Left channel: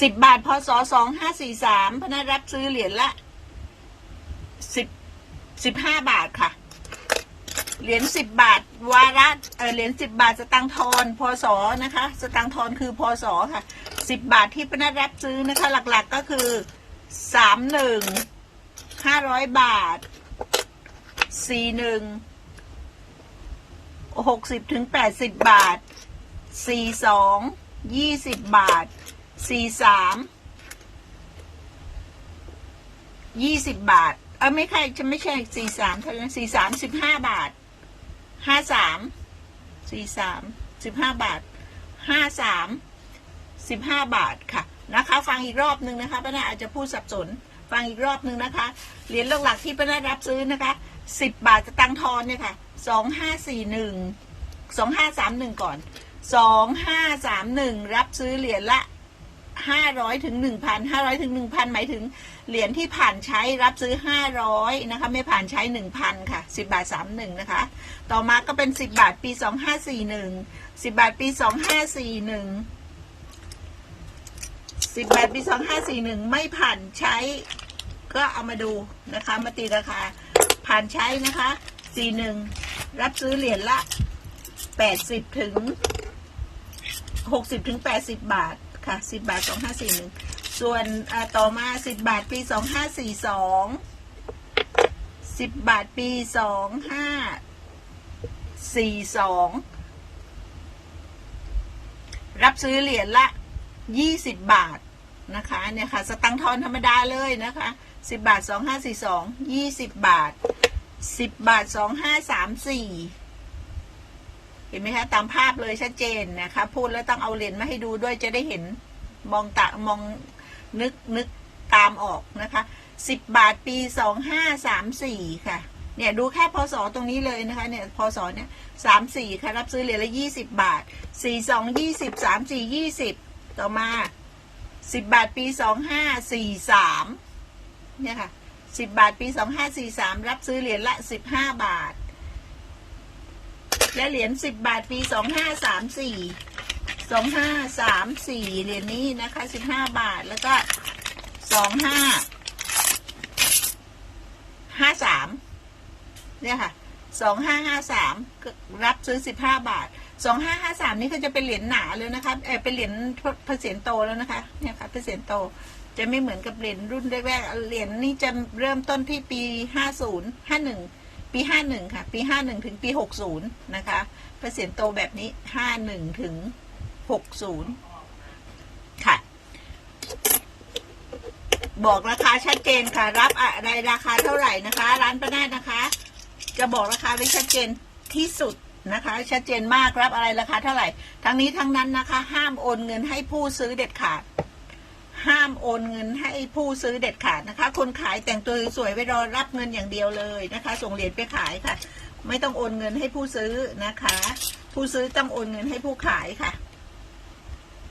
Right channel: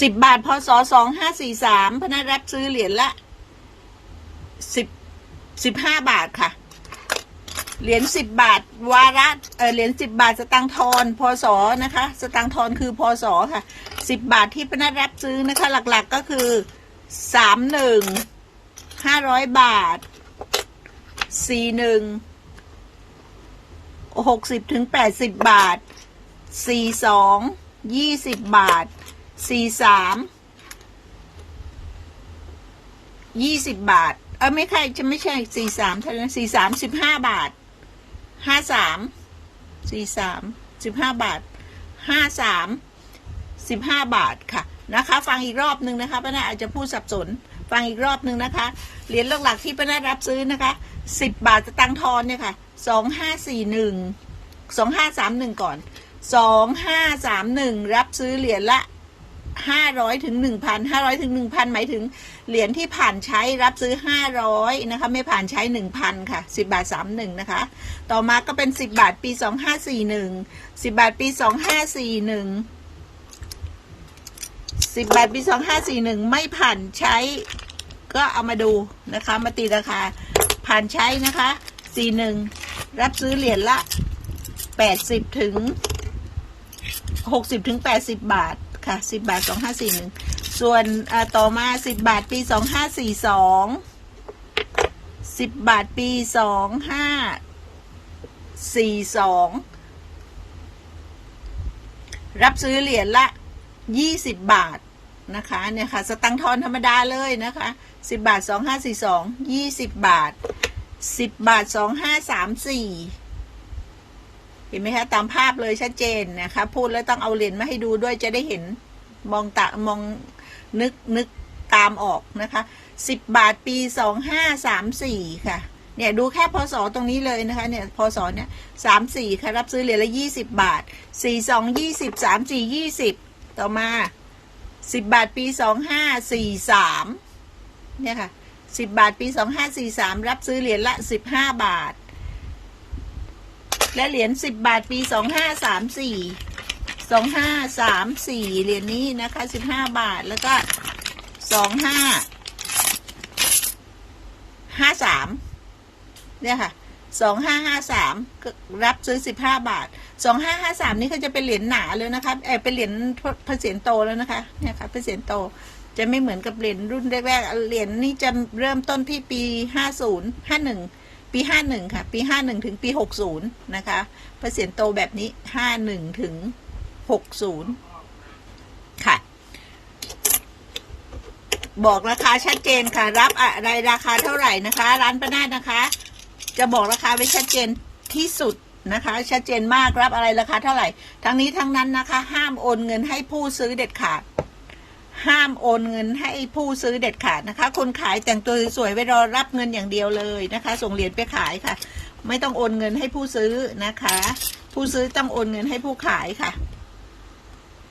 สิบบาทพศสองห้าสี่สามพนักรับซื้อเหรียญละสิบสิบห้าบาทค่ะ เหรียญสิบบาท วาระเออเหรียญสิบบาทสตังทอนพศนะคะ สตังทอนคือพศค่ะสิบบาทที่พนักรับซื้อนะคะ หลักๆก็คือสามหนึ่งห้าร้อยบาทสี่หนึ่งหกสิบถึงแปดสิบบาทสี่สองยี่สิบบาท สี่สามยี่สิบบาท เออไม่ใช่จะไม่ใช่สี่สามเท่านั้นสี่สามสิบห้าบาทห้าสามสี่สามสิบห้าบาทห้าสามสิบห้าบาทค่ะ นะคะ ฟังอีกรอบหนึ่งนะคะป้านาอาจจะพูดสับสน ฟังอีกรอบหนึ่งนะคะเหรียญหลักๆที่ป้านารับซื้อนะคะสิบบาทตังทอนเนี่ยค่ะสองห้าสี่หนึ่งสองห้าสามหนึ่งก่อนสองห้าสามหนึ่งรับซื้อเหรียญละ ห้าร้อยถึงหนึ่งพันห้าร้อยถึงหนึ่งพันหมายถึงเหรียญที่ผ่านใช้รับซื้อห้าร้อยนะคะ ไม่ผ่านใช้หนึ่งพันค่ะสิบาทสามหนึ่งนะคะ ต่อมาก็เป็นสิบบาทปีสองห้าสี่หนึ่งสิบบาทปีสองห้าสี่หนึ่งสิบาทปีสองห้าสี่หนึ่งไม่ผ่านใช้ ก็เอามาดูนะคะ มาตีราคาผ่านใช้นะคะสี่หนึ่งรับซื้อเหรียญละแปดสิบถึงหกสิบถึงแปดสิบบาท ค่ะสิบบาทสองห้าสี่หนึ่งส่วนต่อมาสิบบาทปีสองห้าสี่สองสิบบาทปีสองห้าสี่สองรับซื้อเหรียญละยี่สิบบาทนะคะเนี่ยค่ะ สตังค์ทอนธรรมดาเลยนะคะสิบบาทสองห้าสี่สองยี่สิบบาทสิบบาทสองห้าสามสี่ เห็นไหมคะตามภาพเลยชัดเจนนะคะ พูดแล้วต้องเอาเหรียญมาให้ดูด้วยจะได้เห็นมองตามองนึกนึกตามออกนะคะสิบบาทปีสองห้าสามสี่ค่ะเนี่ยดูแค่พศตรงนี้เลยนะคะเนี่ยพศเนี่ยสามสี่ค่ะรับซื้อเหรียญละยี่สิบบาทสี่สองยี่สิบสามสี่ยี่สิบต่อมาสิบบาทปีสองห้าสี่สามเนี่ยค่ะสิบบาทปีสองห้าสี่สามรับซื้อเหรียญละสิบห้าบาท และเหรียญสิบบาทปีสองห้าสามสี่สองห้าสามสี่เหรียญนี้นะคะสิบห้าบาทแล้วก็สองห้าห้าสามเนี่ยค่ะสองห้าห้าสามรับซื้อสิบห้าบาทสองห้าห้าสามนี่ก็จะเป็นเหรียญหนาเลยนะคะเออเป็นเหรียญพระเศียรโตแล้วนะคะเนี่ยค่ะพระเศียรโตจะไม่เหมือนกับเหรียญรุ่นแรกๆเหรียญนี่จะเริ่มต้นที่ปีห้าศูนย์ห้าหนึ่ง ปีห้าหนึ่งค่ะ ปีห้าหนึ่งถึงปีหกศูนย์นะคะ เปอร์เซ็นต์โตแบบนี้ห้าหนึ่งถึงหกศูนย์ค่ะ บอกราคาชัดเจนค่ะ รับอะไรราคาเท่าไหร่นะคะ ร้านประนาดนะคะ จะบอกราคาไว้ชัดเจนที่สุดนะคะ ชัดเจนมากรับอะไรราคาเท่าไหร่ ทั้งนี้ทั้งนั้นนะคะ ห้ามโอนเงินให้ผู้ซื้อเด็ดขาด ห้ามโอนเงินให้ผู้ซื้อเด็ดขาดนะคะ คนขายแต่งตัวสวยๆไว้รอรับเงินอย่างเดียวเลยนะคะ ส่งเหรียญไปขายค่ะ ไม่ต้องโอนเงินให้ผู้ซื้อนะคะ ผู้ซื้อต้องโอนเงินให้ผู้ขายค่ะ